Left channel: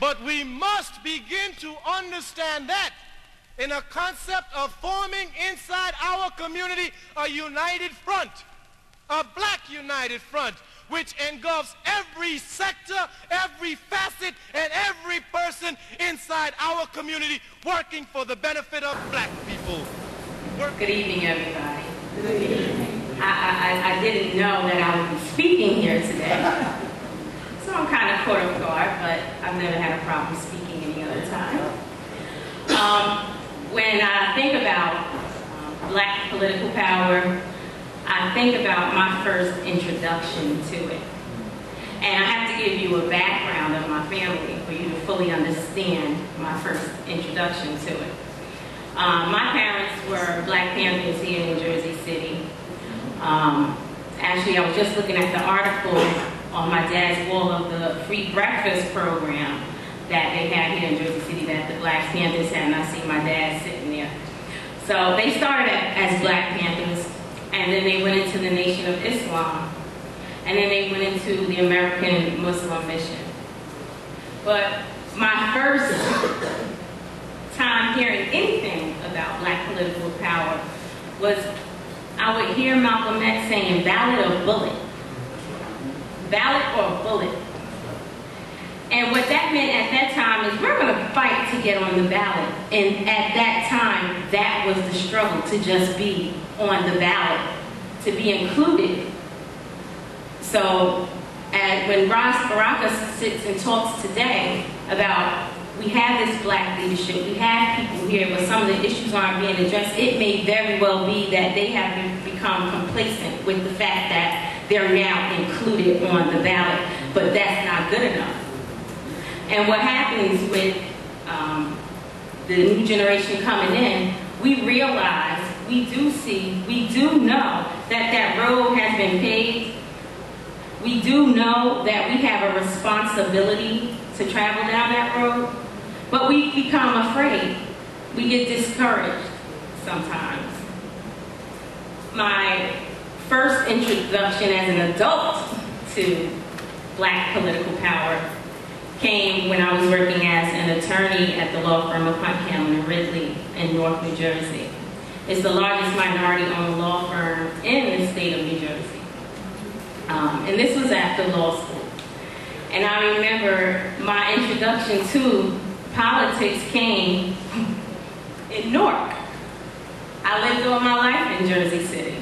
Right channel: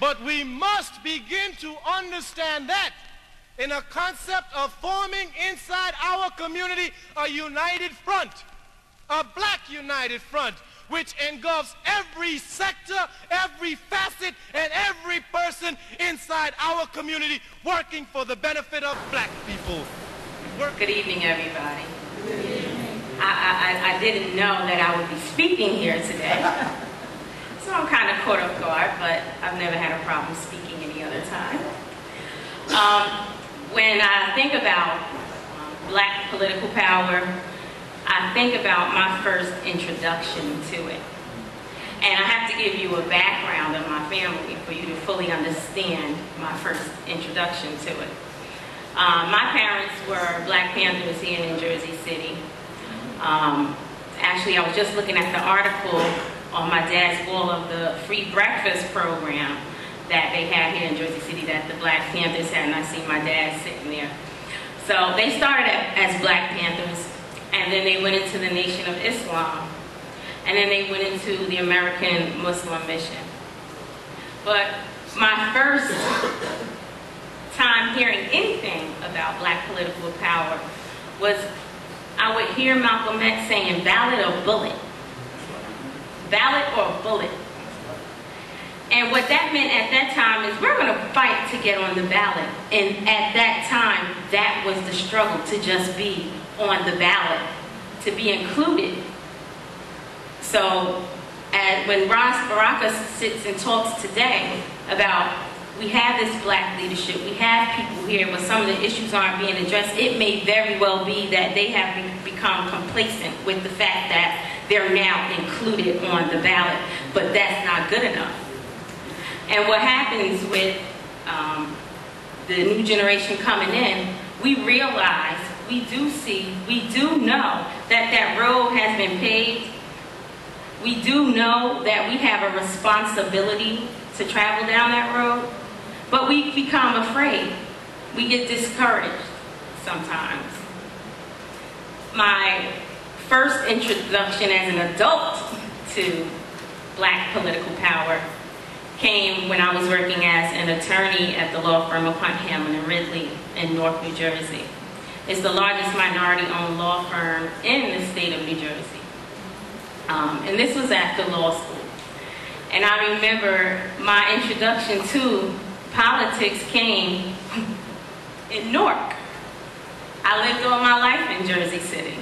But we must begin to understand that in a concept of forming inside our community a united front, a black united front, which engulfs every sector, every facet, and every person inside our community working for the benefit of black people. Good evening, everybody. Good evening. I didn't know that I would be speaking here today. So I'm kind of caught off guard, but I've never had a problem speaking any other time. When I think about black political power, I think about my first introduction to it. And I have to give you a background of my family for you to fully understand my first introduction to it. My parents were Black Panthers here in Jersey City. Actually, I was just looking at the article on my dad's wall of the free breakfast program that they had here in Jersey City that the Black Panthers had, and I see my dad sitting there. So they started as Black Panthers, and then they went into the Nation of Islam, and then they went into the American Muslim Mission. But my first time hearing anything about black political power was I would hear Malcolm X saying ballot or bullet. Ballot or bullet. And what that meant at that time is we're going to fight to get on the ballot. And at that time, that was the struggle, to just be on the ballot, to be included. So when Ron Baraka sits and talks today about we have this black leadership, we have people here, but some of the issues aren't being addressed, it may very well be that they have become complacent with the fact that they're now included on the ballot, but that's not good enough. And what happens with the new generation coming in, we realize, we do see, we do know that that road has been paved. We do know that we have a responsibility to travel down that road, but we become afraid. We get discouraged sometimes. My first introduction as an adult to black political power came when I was working as an attorney at the law firm of Hunt, Hamlin and Ridley in North New Jersey. It's the largest minority-owned law firm in the state of New Jersey. And this was at the law school. And I remember my introduction to politics came in Newark. I lived all my life in Jersey City,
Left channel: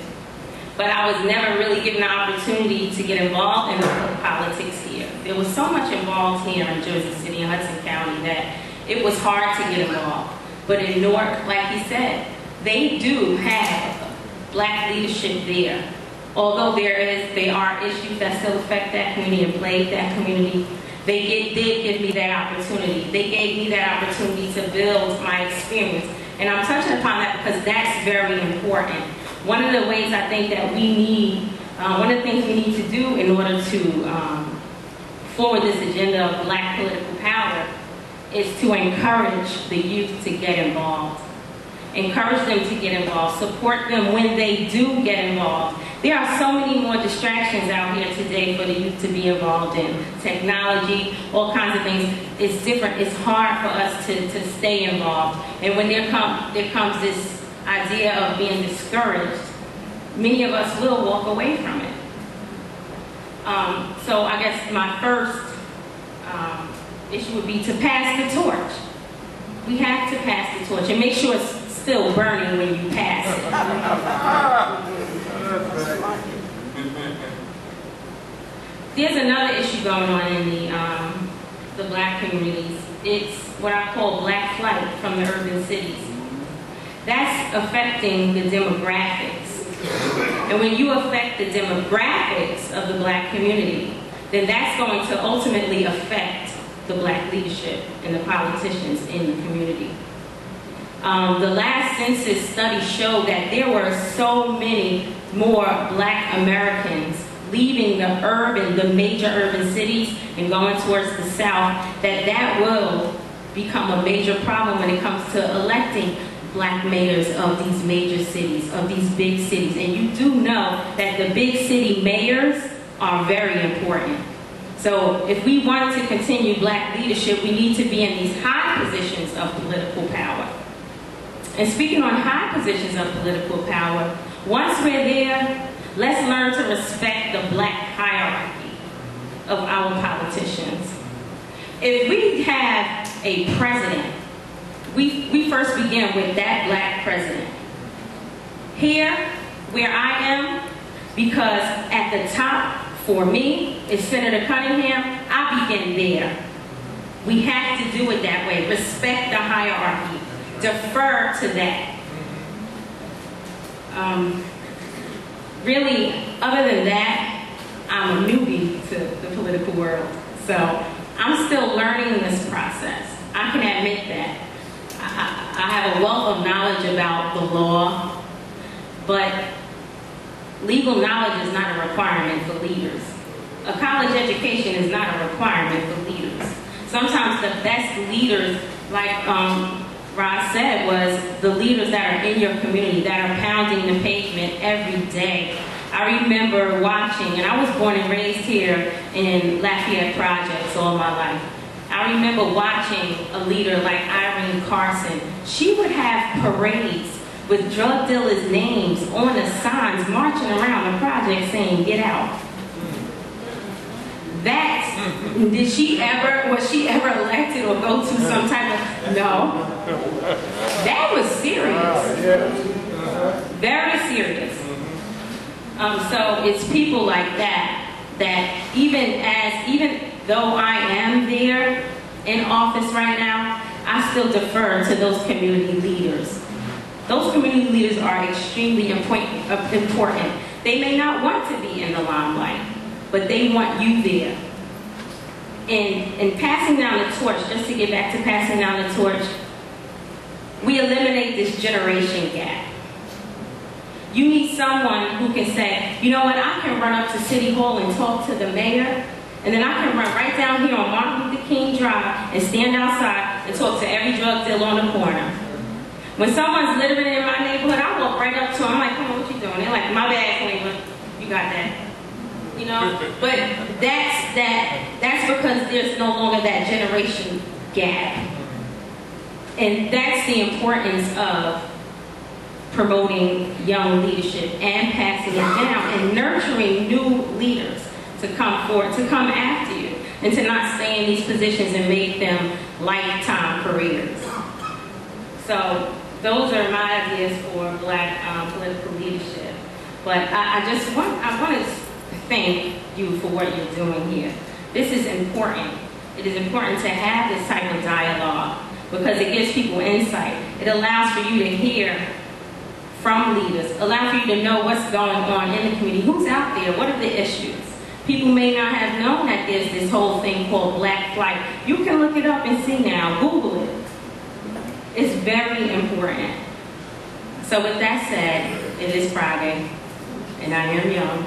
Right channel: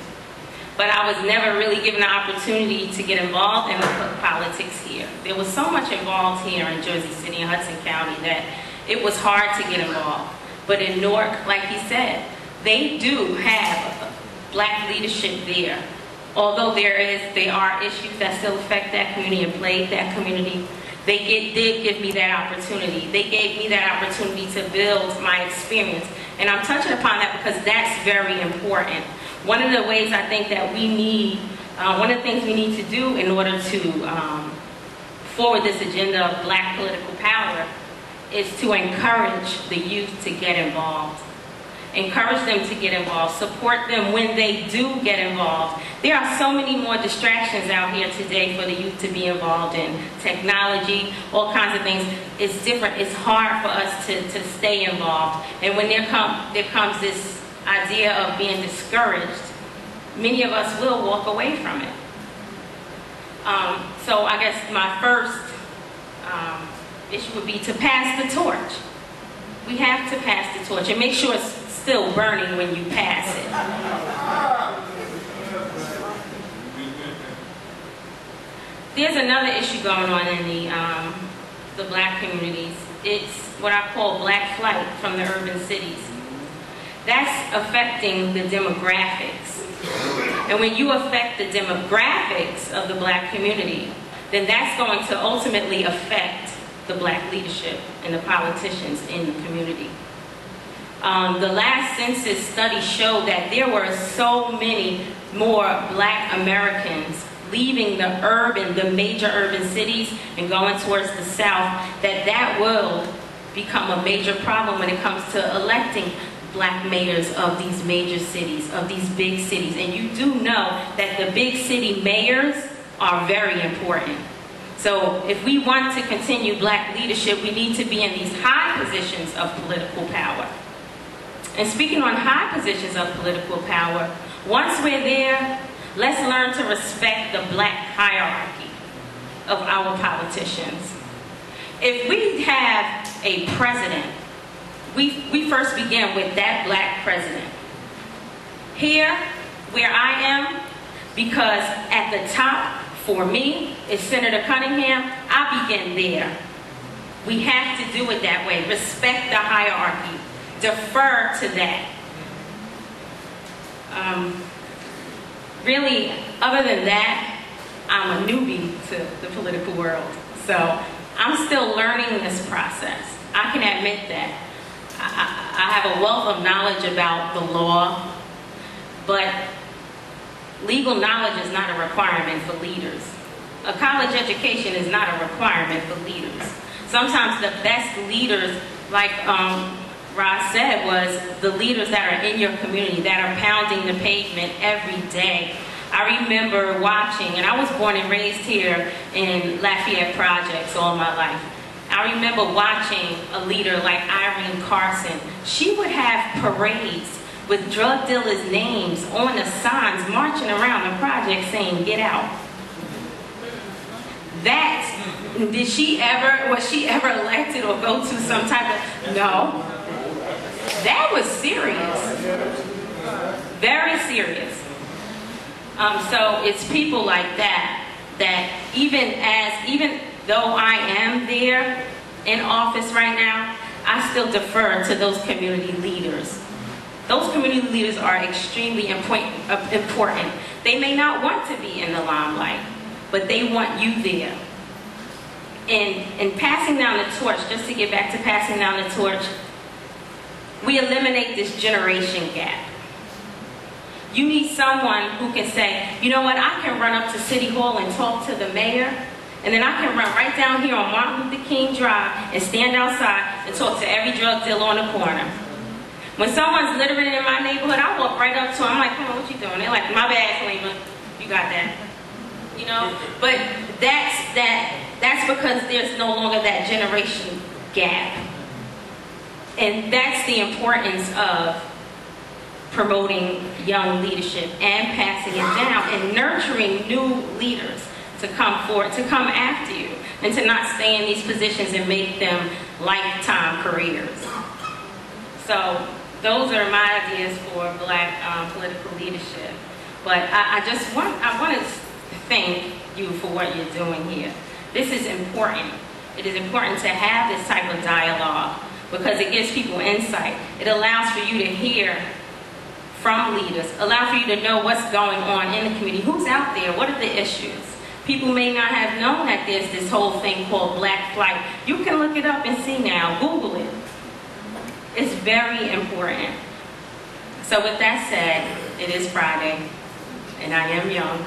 but I was never really given the opportunity to get involved in the politics here. There was so much involved here in Jersey City and Hudson County that it was hard to get involved. But in Newark, like he said, they do have black leadership there. Although there are issues that still affect that community and plague that community, they did give me that opportunity. They gave me that opportunity to build my experience. And I'm touching upon that because that's very important. One of the ways I think that we need, one of the things we need to do in order to forward this agenda of black political power is to encourage the youth to get involved. Encourage them to get involved. Support them when they do get involved. There are so many more distractions out here today for the youth to be involved in. Technology, all kinds of things. It's different. It's hard for us to stay involved. And when there comes this idea of being discouraged, many of us will walk away from it. So I guess my first issue would be to pass the torch. We have to pass the torch and make sure it's still burning when you pass it. There's another issue going on in the black communities. It's what I call black flight from the urban cities. That's affecting the demographics. And when you affect the demographics of the black community, then that's going to ultimately affect the black leadership and the politicians in the community. The last census study showed that there were so many more black Americans leaving the major urban cities and going towards the south, that will become a major problem when it comes to electing black mayors of these major cities, of these big cities. And you do know that the big city mayors are very important. So if we want to continue black leadership, we need to be in these high positions of political power. And speaking on high positions of political power, once we're there, let's learn to respect the black hierarchy of our politicians. If we have a president, we first begin with that black president. Here, where I am, because at the top, for me, is Senator Cunningham, I begin there. We have to do it that way. Respect the hierarchy. Defer to that. Really, other than that, I'm a newbie to the political world. So I'm still learning this process. I can admit that. I have a wealth of knowledge about the law, but legal knowledge is not a requirement for leaders. A college education is not a requirement for leaders. Sometimes the best leaders, like Rod said, was the leaders that are in your community, that are pounding the pavement every day. I remember watching, and I was born and raised here in Lafayette Projects all my life. I remember watching a leader like Irene Carson. She would have parades with drug dealers' names on the signs marching around the project saying, "Get out." Was she ever elected or go to some type of, no. That was serious. Very serious. So it's people like that, that even though I am there in office right now, I still defer to those community leaders. Those community leaders are extremely important. They may not want to be in the limelight, but they want you there. And passing down the torch, just to get back to passing down the torch, we eliminate this generation gap. You need someone who can say, you know what, I can run up to City Hall and talk to the mayor, and then I can run right down here on Martin Luther King Drive and stand outside and talk to every drug dealer on the corner. When someone's littering in my neighborhood, I walk right up to them. I'm like, come on, what you doing? They're like, my bad, Kalimah, you got that. You know? But that's because there's no longer that generation gap. And that's the importance of promoting young leadership and passing it down and nurturing new leaders to come forward, to come after you, and to not stay in these positions and make them lifetime careers. So those are my ideas for black political leadership. But I want to thank you for what you're doing here. This is important. It is important to have this type of dialogue because it gives people insight. It allows for you to hear from leaders, allow for you to know what's going on in the community, who's out there, what are the issues. People may not have known that there's this whole thing called black flight. You can look it up and see now, Google it. It's very important. So with that said, it is Friday, and I am young.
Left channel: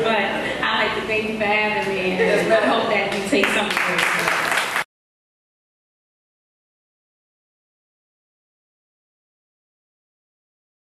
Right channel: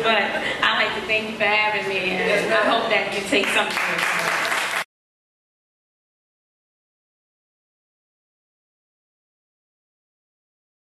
But I'd like to thank you for having me, and I hope that you take something from it.